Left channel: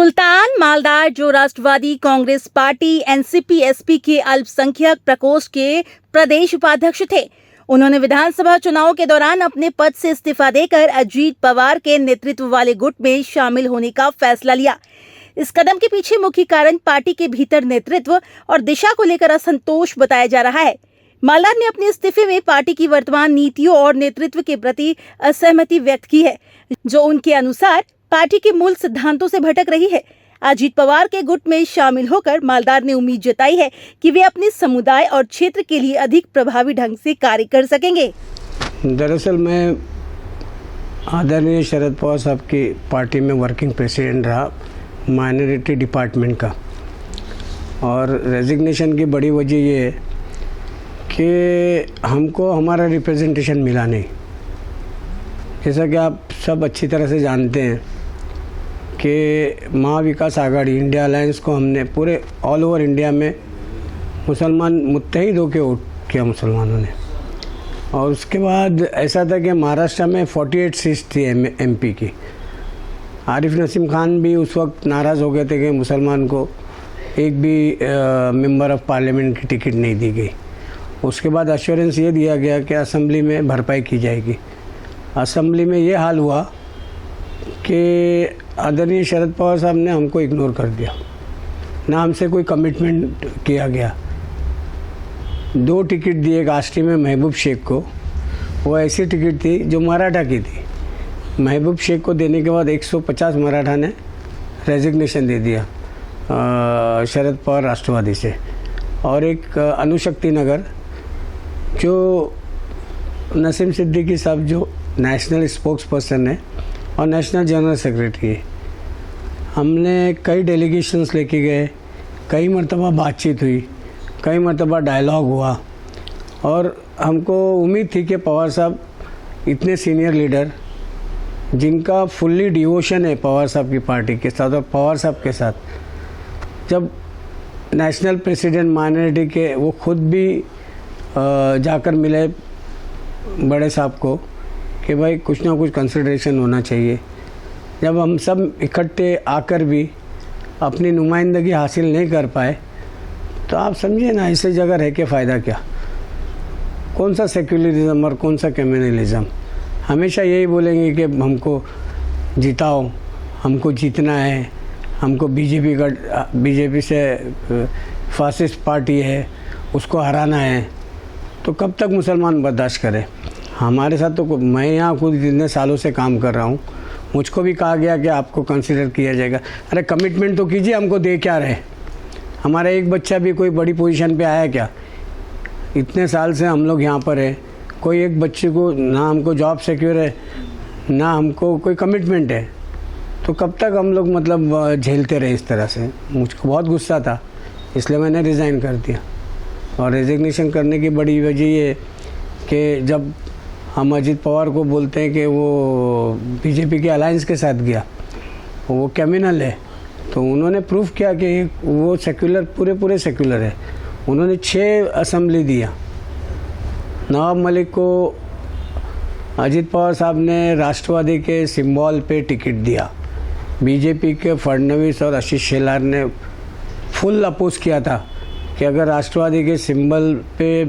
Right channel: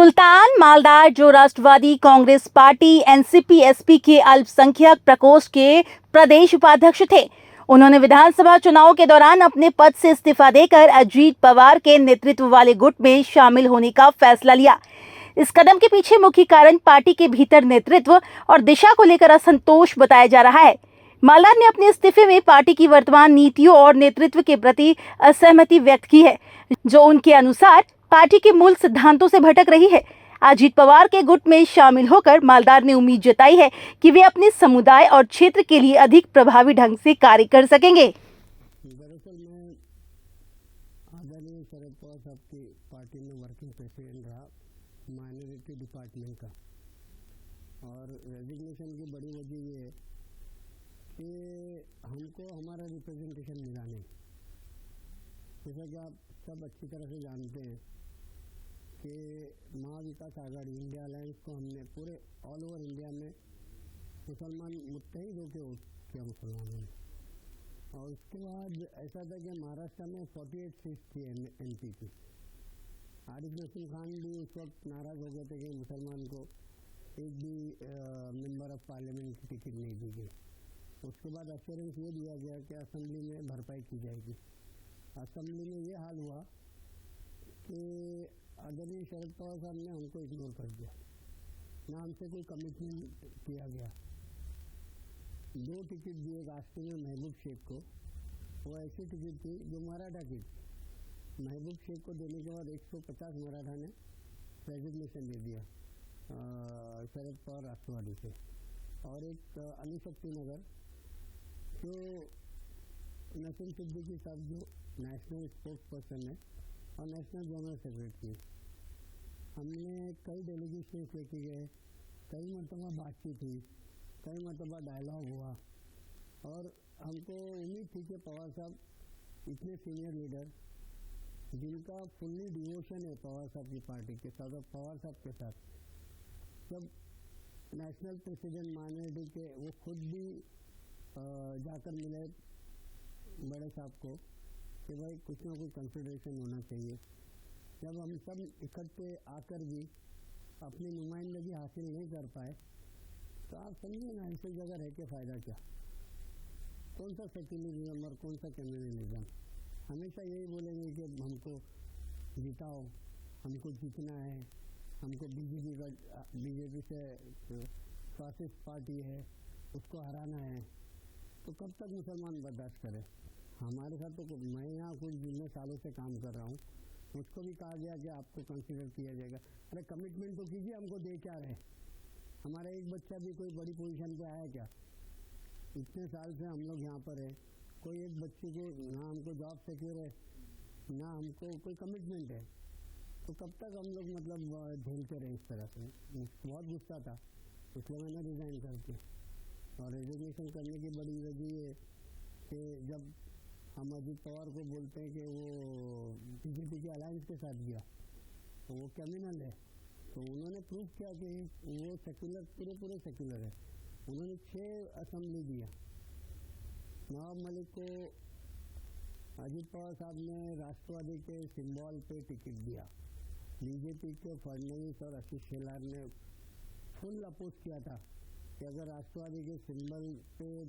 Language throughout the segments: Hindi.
सुल्तान मालदार जो राष्ट्रवादी कांग्रेस पार्टी एनसीपी-एसपी के अल्पसंख्यक प्रकोष्ठ के प्रदेश उपाध्यक्ष थे। उन्होंने विधानसभा चुनाव के दौरान अपने पद से इस्तीफा देकर अजीत पवार के नेतृत्व वाले गुट में शामिल होने का फैसला लिया। इस कदम के पीछे मुख्य कारण पार्टी के भीतर नेतृत्व और दिशा को लेकर असंतोष बताया जा रहा है। मालदार ने अपने इस्तीफे में पार्टी की वर्तमान नीतियों और नेतृत्व के प्रति असहमति व्यक्त की है, जो उनके अनुसार पार्टी के मूल सिद्धांतों से भटक रही है। अजीत पवार के गुट में शामिल होकर मालदार ने उम्मीद जताई है कि वे अपने समुदाय और क्षेत्र के लिए अधिक प्रभावी ढंग से कार्य कर सकेंगे। दरअसल मैं आदरणीय शरद पवार साहब की पार्टी में वर्किंग प्रेसिडेंट रहा माइनॉरिटी डिपार्टमेंट का, और रेजिग्नेशन की बड़ी वजह ये है कि हमको हमारा रिप्रेजेंटेशन मिला नहीं। जैसा कि आप सब अच्छी तरह से जानते हैं कि महाविकास आघाड़ी इंडिया अलायंस को हमने पूरे ऑल ओवर इंडिया में मुसलमान मुत्तहिद होकर वोट किया मुसलमानों ने। और उसके बाद ऐसा था कि महाराष्ट्र में 48 सीट्स थी एमपी की। आरिफ नसीम खान भी उस वक्त नाराज़ हो गए थे कि मुसलमान को एक भी मेंबर ऑफ पार्लियामेंट की टिकट नहीं दी गई। उसके बाद एश्योरेंस ये दिया गया कि असेंबली में भरपाई की जाएगी। असेंबली में ये हाल हुआ कि आदरणीय शरद पवार साहब ने हमको इग्नोर कर दिया, ना हमसे कोई कमिटमेंट किया गया। 2 टिकट दिए कास्टी में महबूब शेख को, वो ऐसी टिकट थी जो मराठा की थी। महबूब शेख को देने के बाद 150 मराठा ने रेजिग्नेशन दे दिया शरद पवार राष्ट्रवादी से। और एक अनुशक्ति नगर जो नसीम सिद्दीकी साहब जो नेशनल स्पोक्स पर्सन है और नेशनल जनरल सेक्रेटरी है, हमने कई डेलीगेशंस लेके गए, कई मरतबा बातचीत हुई, कई मरतबा डायलॉग हुआ। और हमको उम्मीद थी कि पवार साहब इतने सीनियर लीडर जिनका फुल्ली डिवोशन है पवार साहब की पार्टी के साथ और पवार साहब के साथ, जब नेशनल प्रेसिडेंट माइनॉरिटी के वो खुद भी जाकर मिले बड़े साहब को कि भाई कुछ ना कुछ कंसिडरेशन होना चाहिए। जब हम सब इकट्ठे आकर भी अपनी नुमाइंदगी हासिल नहीं कर पाए तो आप समझिए ना, ऐसी जगह रह के फ़ायदा क्या। कौन सा सेक्युलरिज्म और कौन सा कम्युनलिज्म। हमेशा यही बोलेंगे कि हमको जिताओ, हमको जीतना है, हमको बीजेपी से फासिस्ट पार्टी है उसको हराना है। तो कब तक मुसलमान बर्दाश्त करें। हमारे साथ तो मैं यहाँ खुद इतने सालों से काम कर रहा हूँ, मुझको भी कहा गया कि आपको कंसिडर किया जाएगा। अरे कमिटमेंट तो कीजिए, हमको दे क्या रहे। हमारा एक बच्चा भी कोई बड़ी पोजीशन पे आया क्या? इतने साल से हम लोग यहाँ पर है, कोई एक बच्चे को ना हमको जॉब सिक्योर है ना हमको कोई कमिटमेंट है। तो कब तक हम लोग मतलब झेलते रहे इस तरह से। मुझको बहुत गुस्सा था, इसलिए मैंने रिज़ाइन कर दिया। और रेजिग्नेशन करने की बड़ी वजह ये कि जब हम अजीत पवार को बोलते हैं कि वो बीजेपी के अलायंस के साथ गया, वो क्रिमिनल है, तो उन्होंने प्रूफ किया कि वो सेक्युलर पूरे सेक्युलर है। उन्होंने 6 असेंबली दिया। नवाब मलिक को अजीत पवार साहब ने राष्ट्रवादी के सिंबल पे टिकट दिया। बीजेपी के फडणवीस और आशीष शेलार ने फुल अपोज किया था कि अगर राष्ट्रवादी के सिंबल पे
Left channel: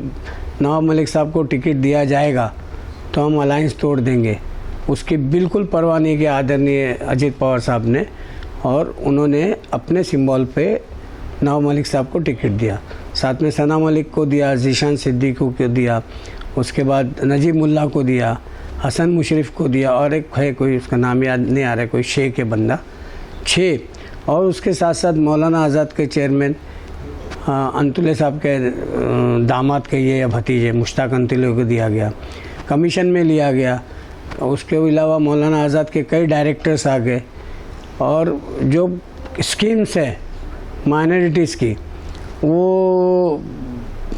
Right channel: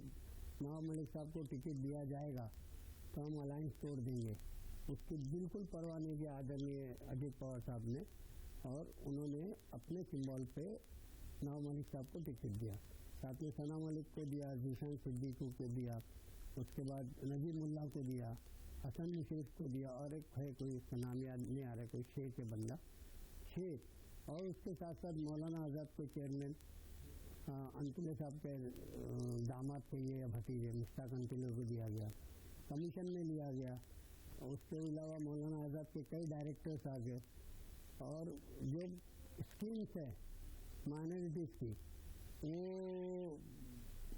नवाब मलिक साहब को टिकट दिया जाएगा तो हम अलायंस तोड़ देंगे। उसकी बिल्कुल परवाह नहीं की आदरणीय अजीत पवार साहब ने, और उन्होंने अपने सिंबल पे नवाब मलिक साहब को टिकट दिया। साथ में सना मलिक को दिया, जीशान सिद्दीकी को दिया, उसके बाद नजीब मुल्ला को दिया, हसन मुशरफ को दिया, और एक है कोई उसका नाम याद नहीं आ रहा है, कोई शेख है बंदा, 6। और उसके साथ साथ मौलाना आज़ाद के चेयरमैन अंतुले साहब के दामाद के ये या भतीजे मुश्ताक अंतुले को दिया गया, कमीशन में लिया गया। उसके अलावा मौलाना आज़ाद के कई डायरेक्टर्स आ गए। और जो स्कीम्स है माइनॉरिटीज़ की, वो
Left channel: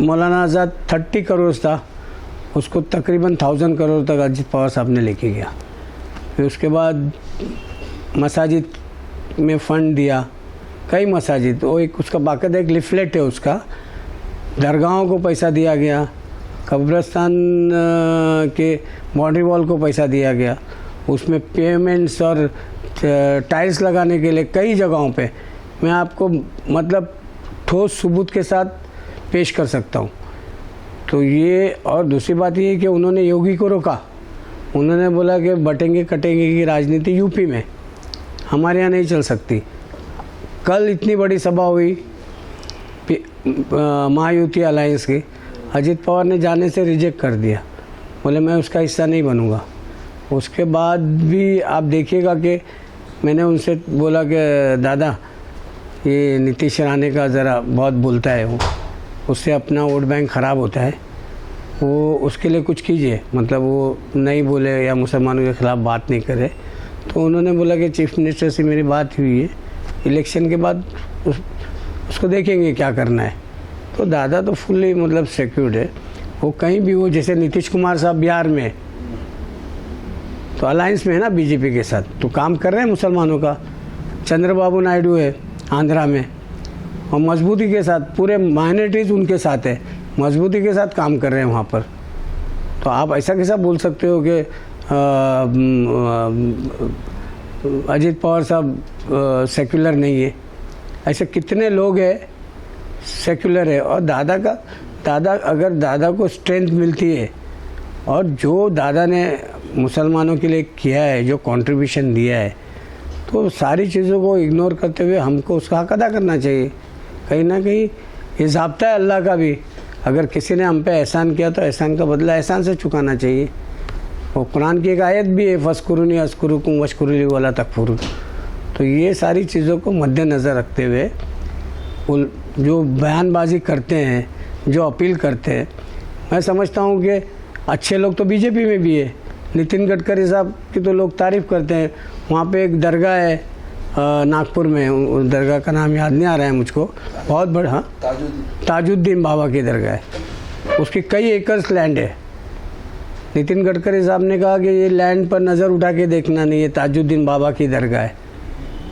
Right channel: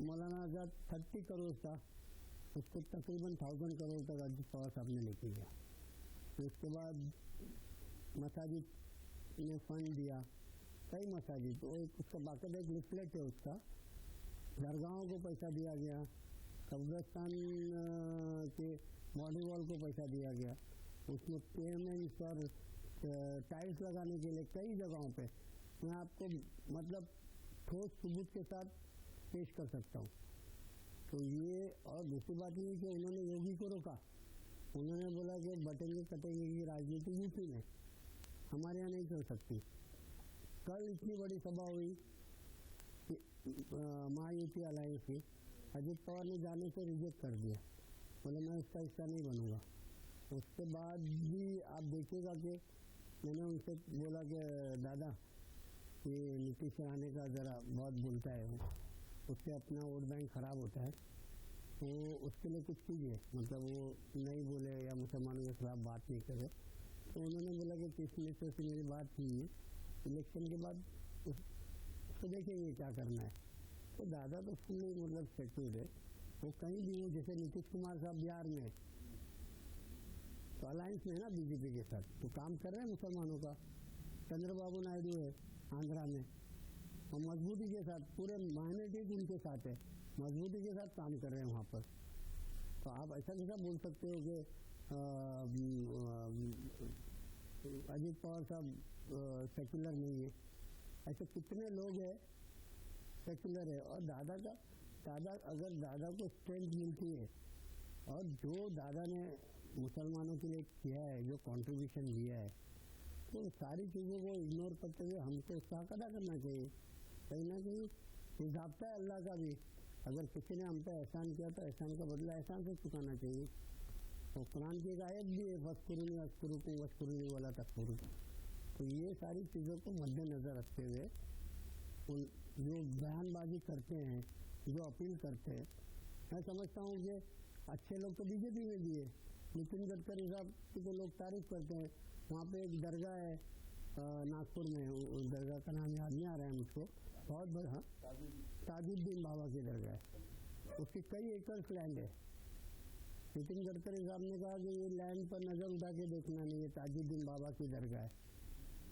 मौलाना आज़ाद 30 करोड़ था, उसको तकरीबन 1000 करोड़ तक अजीत पवार साहब ने लेके गया। फिर उसके बाद मसाजिद में फ़ंड दिया, कई मसाजिद, वो एक उसका बाकायदा एक लिफलेट है उसका, दरगाहों को पैसा दिया गया, कब्रस्तान के बाउंड्री वॉल को पैसा दिया गया। उसमें पेमेंट्स और टाइल्स लगाने के लिए कई जगहों पे मैं आपको मतलब ठोस सबूत के साथ पेश कर सकता हूँ। तो ये, और दूसरी बात ये है कि उन्होंने योगी को रोका। उन्होंने बोला कि बटेंगे कटेंगे की राजनीति यूपी में, हमारे यहाँ नहीं चल सकती। कल इतनी बड़ी सभा हुई महायुति अलायंस की, अजित पवार ने जाने से रिजेक्ट कर दिया, बोले मैं उसका हिस्सा नहीं बनूंगा। उसके बाद भी आप देखिएगा कि मैंने उनसे बोला कि दादा ये नीतीश राणे का ज़रा बहुत बोलता है, वो उससे अपना वोट बैंक ख़राब होता है, वो उसके लिए कुछ कीजिए, मतलब वो नहीं बोले या मुसलमानों के ख़िलाफ़ बात नहीं करे। तो उन्होंने बोला कि चीफ मिनिस्टर से मेरी बात हुई है, इलेक्शन के बाद उसको देखेंगे क्या करना है। तो दादा तो फुल्ली मतलब सिक्योर्ड है, वो कहीं भी हो। जैसे नीतीश कुमार साहब बिहार में तो अलायंस में है ना बीजेपी के साथ, तो काम कर रहे हैं मुसलमानों का। चंद्रबाबू नायडू है आंध्रा में, और मजबूती के साथ पूरे माइनॉरिटीज़ उनके साथ है, मजबूती के साथ काम कर रहे हैं वहाँ पर। तो आप ऐसा कैसा बोल सकते हो कि अजित पवार साहब सेक्युलर नहीं है? ऐसे कितने लोग हैं सेक्युलर है। और दादा अगर दादा को स्ट्रेंथ मिलती है और जो दादा ने मुसलमानों के लिए किया है, जो कंट्रीब्यूशन दिया है, तो सारी चीज़ों को इग्नोर करते हुए हमको उसका हक अदा करना चाहिए। कहीं ना कहीं ये ज़ाब्ता है अल्लाह का भी, अगर किसी ने हम पे एहसान किया तो एहसान का बदला एहसान से चुकाना चाहिए। और कुरान की एक आयत भी है, फ़स्कुरुनी अस्कुरुकुम वश्कुरुली वला तकफुरुन। तो ये सारी चीज़ों को मद्देनज़र रखते हुए वो जो बयानबाजी करते हैं, जो अपील करते हैं, मैं समझता हूँ कि अच्छे लोग तो बीजेपी में भी है। नितिन गडकरी साहब की तो लोग तारीफ़ करते हैं। वहाँ पे एक दरगाह है नागपुर में, उस दरगाह का नाम याद नहीं आ रहा है मुझको, बहुत बड़ा, हाँ ताजुद्दीन बाबा की दरगाह है, उसकी कई एकर्स लैंड है। नितिन गडकरी साहब ने कहा कि ये लैंड पर नज़र उठा के देखना नहीं, ये ताजुद्दीन बाबा की दरगाह है,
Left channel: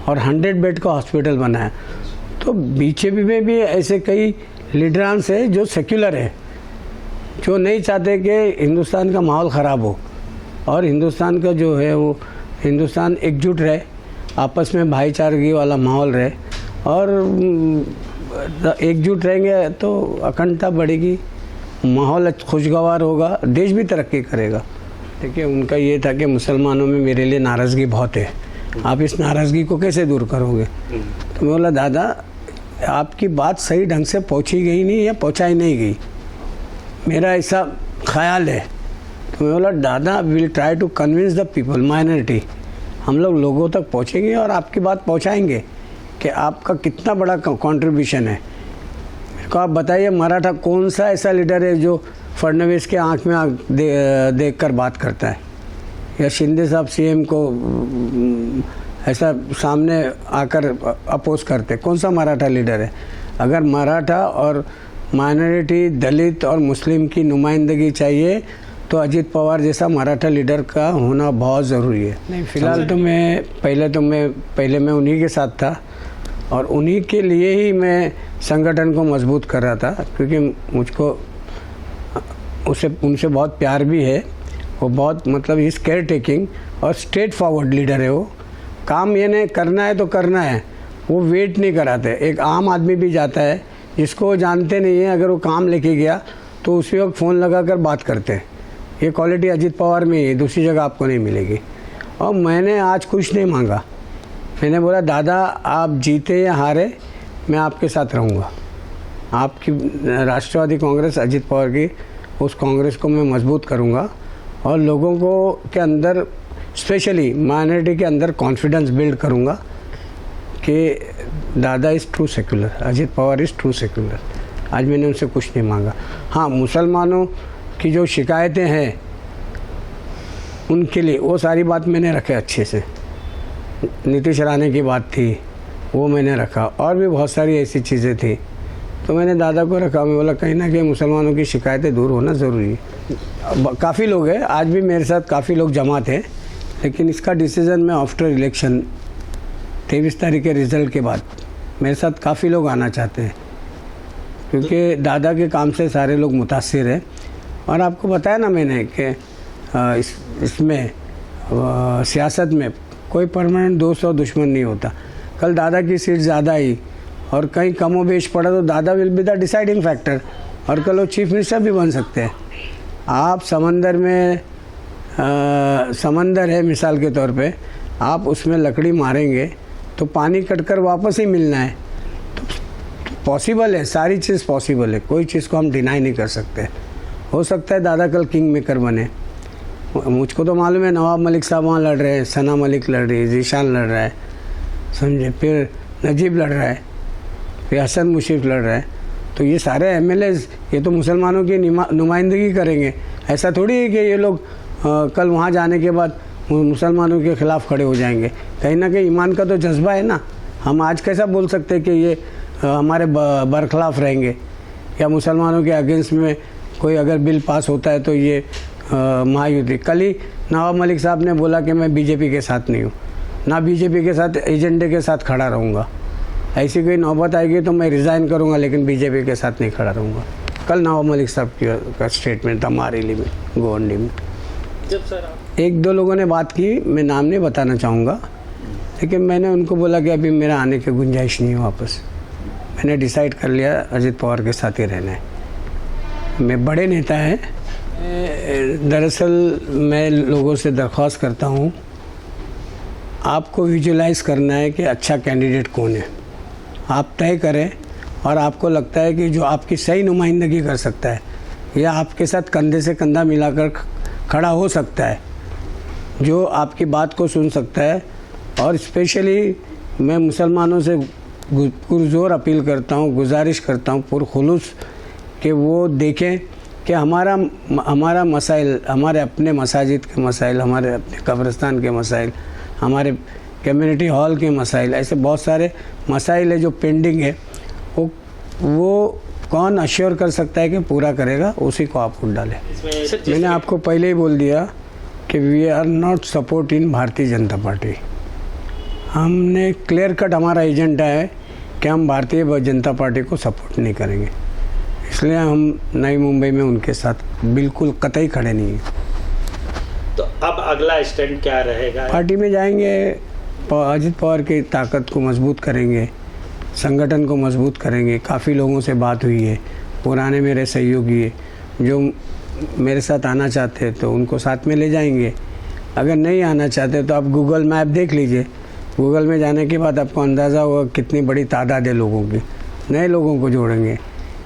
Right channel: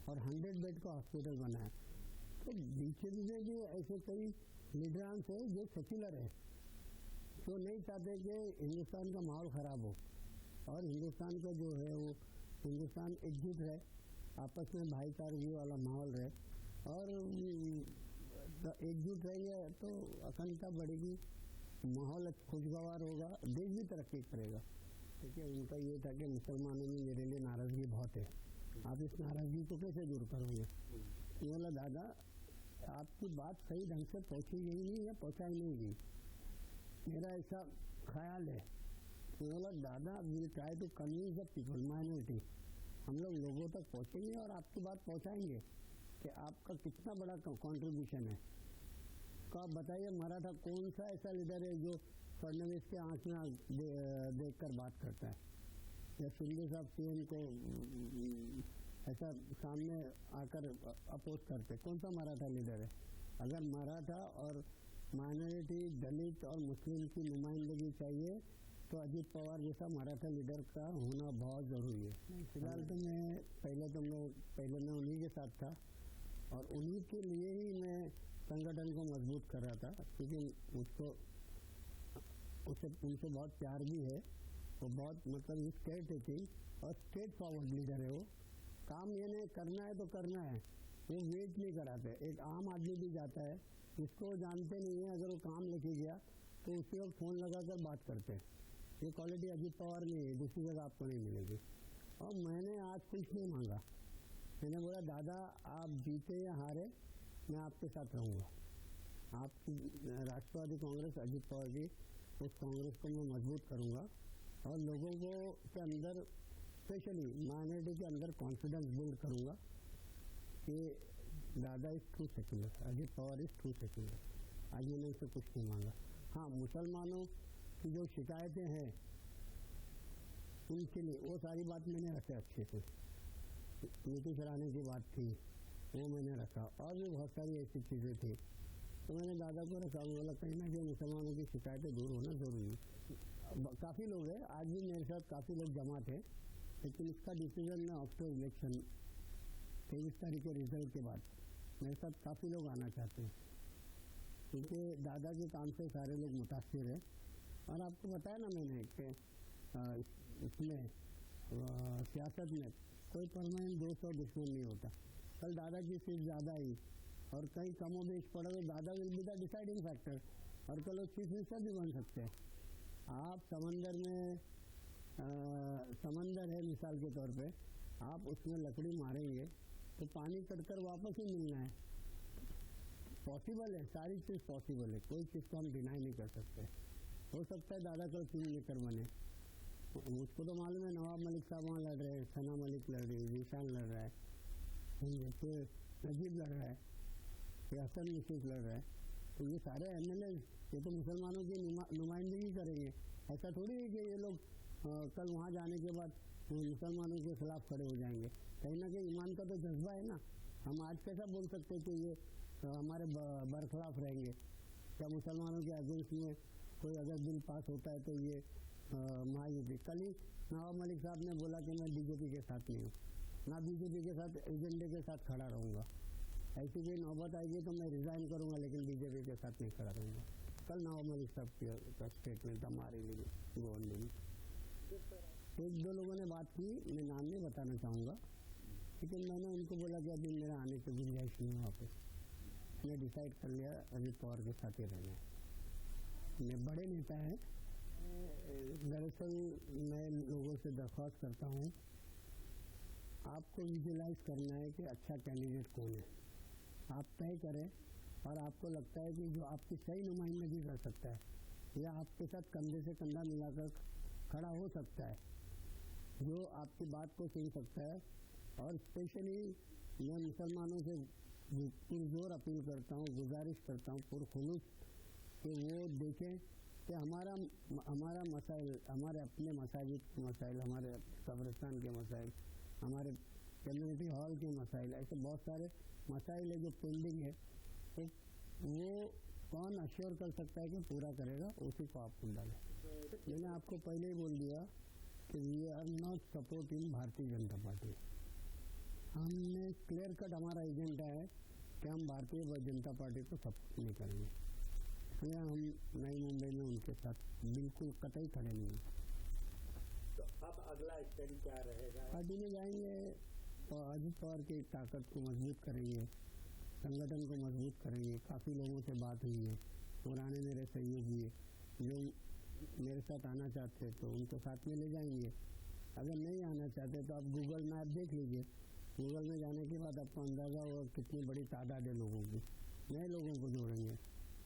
और 100 बेड का हॉस्पिटल बना है। तो बीजेपी में भी ऐसे कई लीडरांस है जो सेक्युलर है, जो नहीं चाहते कि हिंदुस्तान का माहौल ख़राब हो, और हिंदुस्तान का जो है वो हिंदुस्तान एकजुट रहे, आपस में भाईचारगी वाला माहौल रहे, और एकजुट रहेंगे तो अखंडता बढ़ेगी, माहौल खुशगवार होगा, देश भी तरक्की करेगा। देखिए उनका ये था कि मुसलमानों में मेरे लिए नाराज़गी बहुत है, आप इस नाराज़गी को कैसे दूर करोगे? तो मैं बोला दादा आपकी बात सही ढंग से पहुंची गई नहीं या पहुंचाई नहीं गई, मेरा ऐसा ख्याल है। तो मैं बोला दादा will try to convince the people, minority, हम लोग लोगों तक पहुंचेंगे और आपकी बात पहुंचाएंगे कि आपका कितना बड़ा कंट्रीब्यूशन है। मेरे को आप बताइए मराठा कौन सा ऐसा लीडर है जो फडणवीस के आंख में आंख देख कर बात करता है, या शिंदे साहब सीएम को ऐसा सामने आकर अपोज करते? कौन सा मराठा लीडर है? अगर मराठा और माइनॉरिटी, दलित और मुस्लिम की नुमाइंदगी चाहिए तो अजित पवार जैसा मराठा लीडर का होना बहुत ज़रूरी है। नहीं, फ़िलहाल तो मैं पहले मैं उन्हीं के साथ था, और उन्हीं के लिए ही मैं संगठन को मजबूत कर रहा था, क्योंकि मुझको उनसे बहुत प्यार भी है। वो बहुत मतलब इस केयर टेकिंग और स्ट्रेट फॉरवर्ड लीडर है। वो काम ये नहीं करना है तो करना है, वो वेट नहीं कराते। एक आम आदमी भी जाता है जिसको वो जानते नहीं है, अगर वो काम लेके गया तो उसी वक्त फ़ोन लगा कर बात करते हैं। ये क्वालिटी अजित पवार में ही, दूसरी जगह आपको नहीं मिलेगी। और मैंने आज कुछ नहीं मांगा, मैंने बोला दादा आप जीते या हारे मैं आपके साथ रहूँगा। आपकी राष्ट्रवादी कांग्रेस अजित पवार की, उस कांग्रेस को मैं मजबूत करूँगा, और लोगों को के अंदर स्पेशली माइनॉरिटी के अंदर कॉन्फिडेंस बिल्ड करूँगा कि दादा is true secular, Ajit Pawar is true secular. आज मैंने उनसे कुछ नहीं मांगा। हाँ, मुसलमानों की जो शिकायतें हैं उनके लिए वो सारी बात मैंने रखे अच्छे से। नीतीश राणे की बात थी वो मैंने रखा, और भी बहुत सारी ऐसी चीज़ें थी तो मैंने दादा को रखा। मैं बोला कहीं ना कहीं मुसलमानों की शिकायतें दूर होना ज़रूरी है। काफ़ी लोग हैं, आज भी मेरे साथ काफ़ी लोग जमा थे, लेकिन इसका डिसीज़न मैं आफ्टर इलेक्शन 23 तारीख के रिज़ल्ट के बाद मेरे साथ काफ़ी लोग आना चाहते हैं, क्योंकि दादा के काम से सारे लोग मुतासिर हैं। और आपको बताया ना मैंने कि इसमें सियासत में कोई परमानेंट दोस्त और दुश्मन नहीं होता। कल दादा की सीट ज़्यादा आई और कहीं कमो बेश पड़ा तो दादा will be the deciding factor, और कल वो चीफ मिनिस्टर भी बन सकते हैं। आप समंदर में समंदर है मिसाल के तौर पे, आप उसमें लकड़ी मारेंगे तो पानी कटकर वापस ही मिलना है। तो पॉसिबल है, सारी चीज़ पॉसिबल है, कोई चीज़ को हम डिनाई नहीं कर सकते। हो सकता है दादा कल किंग मेकर बने। मुझको तो मालूम है नवाब मलिक साहब वहाँ लड़ रहे हैं, सना मलिक लड़ रही है, जीशान लड़ रहा है, समझे, फिर नजीब लड़ रहा है, फिर हसन मुशीफ लड़ रहा है। तो ये सारे एमएलएज ये तो मुसलमानों की नुमाइंदगी करेंगे। ऐसा थोड़ी है कि ये लोग कल वहाँ जाने के बाद मुसलमानों के ख़िलाफ़ खड़े हो जाएंगे। कहीं ना कहीं ईमान का तो जज्बा है ना। हम आज कैसा बोल सकते हैं कि ये हमारे बरखिलाफ़ रहेंगे, या मुसलमानों के अगेंस्ट में कोई अगर बिल पास होता है तो ये महायुति। कल ही नवाब मलिक साहब ने बोला कि मैं बीजेपी के साथ नहीं हूँ, ना बीजेपी के साथ एजेंडे के साथ खड़ा रहूँगा। ऐसी कोई नौबत आएगी तो मैं रिज़ाइन करूँगा, लेकिन बीजेपी के साथ नहीं खड़ा रहूँगा। कल नवाब मलिक साहब का स्टेटमेंट था मारेली में, गोवंडी में। जब सर आप एक दो लोगों ने बात की, मैं नाम नहीं बताना चाहूँगा, लेकिन मैंने उनको बोला कि अभी मेरा आने की गुंजाइश नहीं है वापस। मैंने डिसाइड कर लिया अजित पवार के साथ ही रहना है। मैं बड़े नेता हैं। दरअसल मैं लोगों से दरख्वास्त करता हूँ, आपको विजुलाइज करना है कि अच्छा कैंडिडेट कौन है, आप तय करें। और आपको लगता है कि जो आपकी सही नुमाइंदगी कर सकता है या आपके साथ कंधे से कंधा मिलाकर खड़ा हो सकता है, जो आपकी बात को सुन सकता है। और स्पेशली मैं मुसलमानों से पुरजोर अपील करता हूँ, गुजारिश करता हूँ पुरखुलूस, कि वो देखें कि हमारा मसाइल, हमारे अपने मसाजिद के मसाइल, हमारे अपने कब्रिस्तान के मसाइल, हमारे कम्युनिटी हॉल के मसाइल, ऐसे बहुत सारे मसाइल है जो पेंडिंग है। वो कौन अश्योर कर सकता है कि पूरा करेगा, उसी को आप वोट डालें। मैंने आपको पहले ही बोल दिया कि we are not support in Bharatiya Janata party. हमने क्लियर कट हमारा एजेंडा है कि हम भारतीय जनता पार्टी को सपोर्ट नहीं करेंगे, इसलिए हम नई मुंबई में उनके साथ बिल्कुल कतई खड़े नहीं हैं। तो अब अगला स्टैंड क्या रहेगा? पार्टी में जाएंगे, अजित पवार की ताकत को मजबूत करेंगे, संगठन को मजबूत करेंगे। काफ़ी लोगों से बात हुई है, पुराने मेरे सहयोगी है जो मेरे साथ आना चाहते हैं तो उनको साथ में ले जाएंगे। अगर नहीं आना चाहते तो आप गूगल मैप देख लीजिए। गूगल में जाने के बाद आपको अंदाज़ा होगा कितनी बड़ी तादाद है लोगों की। नए लोगों को जोड़ेंगे।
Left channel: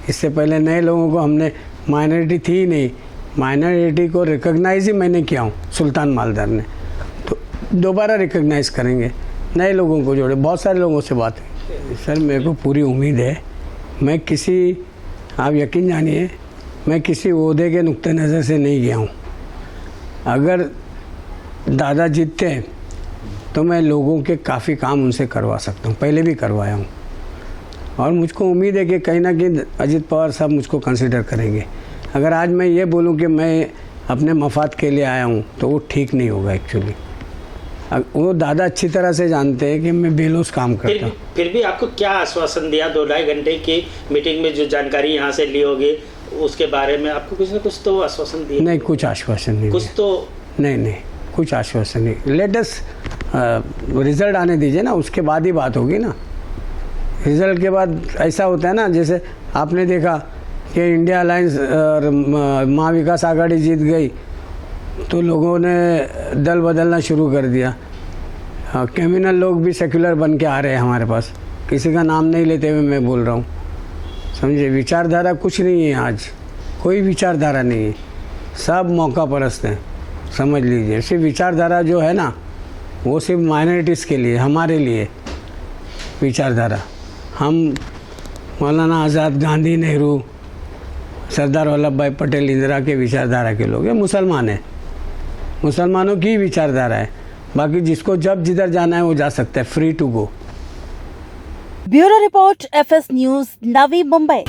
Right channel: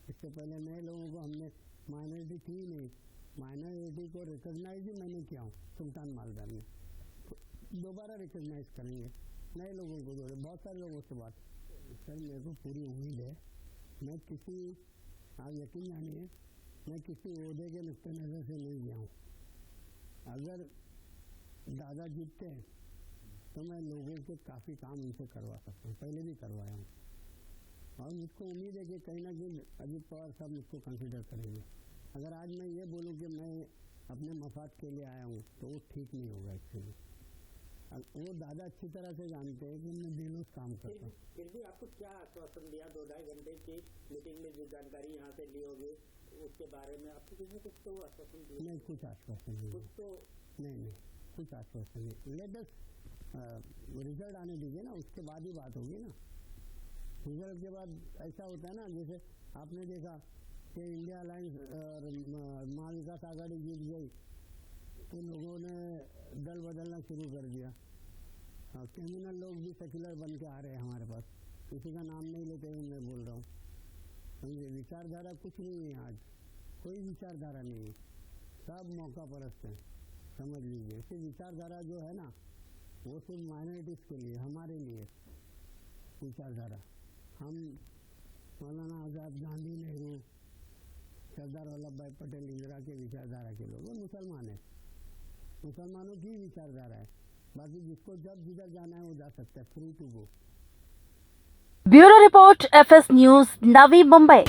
इससे पहले नए लोगों को हमने, माइनॉरिटी थी ही नहीं, माइनॉरिटी को रिकॉग्नाइज ही मैंने किया हूँ सुल्तान मालदार ने, तो दोबारा रिकॉग्नाइज करेंगे। नए लोगों को जोड़े। बहुत सारे लोगों से बात हुई। सर मेरे को पूरी उम्मीद है, मैं किसी, आप यकीन जानिए, मैं किसी ओहदे के नुक्ते नज़र से नहीं गया हूँ। अगर दादा जीतते हैं तो मैं लोगों के काफ़ी काम उनसे करवा सकता हूँ, पहले भी करवाया हूँ। और मुझको उम्मीद है कि कहीं ना कहीं अजित पवार साहब मुझको कंसिडर करेंगे। अगर आज मैं ये बोलूँ कि मैं अपने मफाद के लिए आया हूँ तो वो ठीक नहीं होगा एक्चुअली। वो दादा अच्छी तरह से जानते हैं कि मैं बेलोस काम करता हूँ। फिर भी आपको क्या आश्वासन दिया 2-2.5 घंटे की मीटिंग में, जो जानकारी यहाँ से ली होगी उसके बारे में आपको कुछ ना कुछ तो आश्वासन दिया? नहीं, कुछ आश्वासन नहीं, कुछ तो नहीं, कुछ आश्वासन नहीं। लेटेस्ट रिजल्ट आने दीजिए ना, उसके बाद ही बात होगी ना। रिजल्ट के बाद ऐसा होता है ना, जैसे आपने देखा कि इंडिया अलायंस और महाविकास आघाड़ी जीत गई तो लोगों ने दल बदलना शुरू कर दिया। क्रिमिनल लोग भी सेक्युलर बन के आ रहे हैं हमारे पास। किसी का नाम नहीं लेते हुए मैं बोल रहा हूँ, समझे। विचारधारा कुछ नहीं है, आज कोई विचारधारा नहीं है, सब मौका परस्त हैं, समझ लीजिए। सिर्फ विचारधारा जो है ना, वो सिर्फ माइनॉरिटीज़ के लिए, हमारे लिए विचारधारा। हम मौलाना आज़ाद, गांधी, नेहरू, सरदार वल्लभ भाई पटेल, इंदिरा के विचारधारा के लोग हैं। मुसलमान हैं, मुसलमानों की विचारधारा है। बाकी जिसको जब जिधर जाना है वो जा सकता है, free to go. Bureau report, FS news, Navi Mumbai.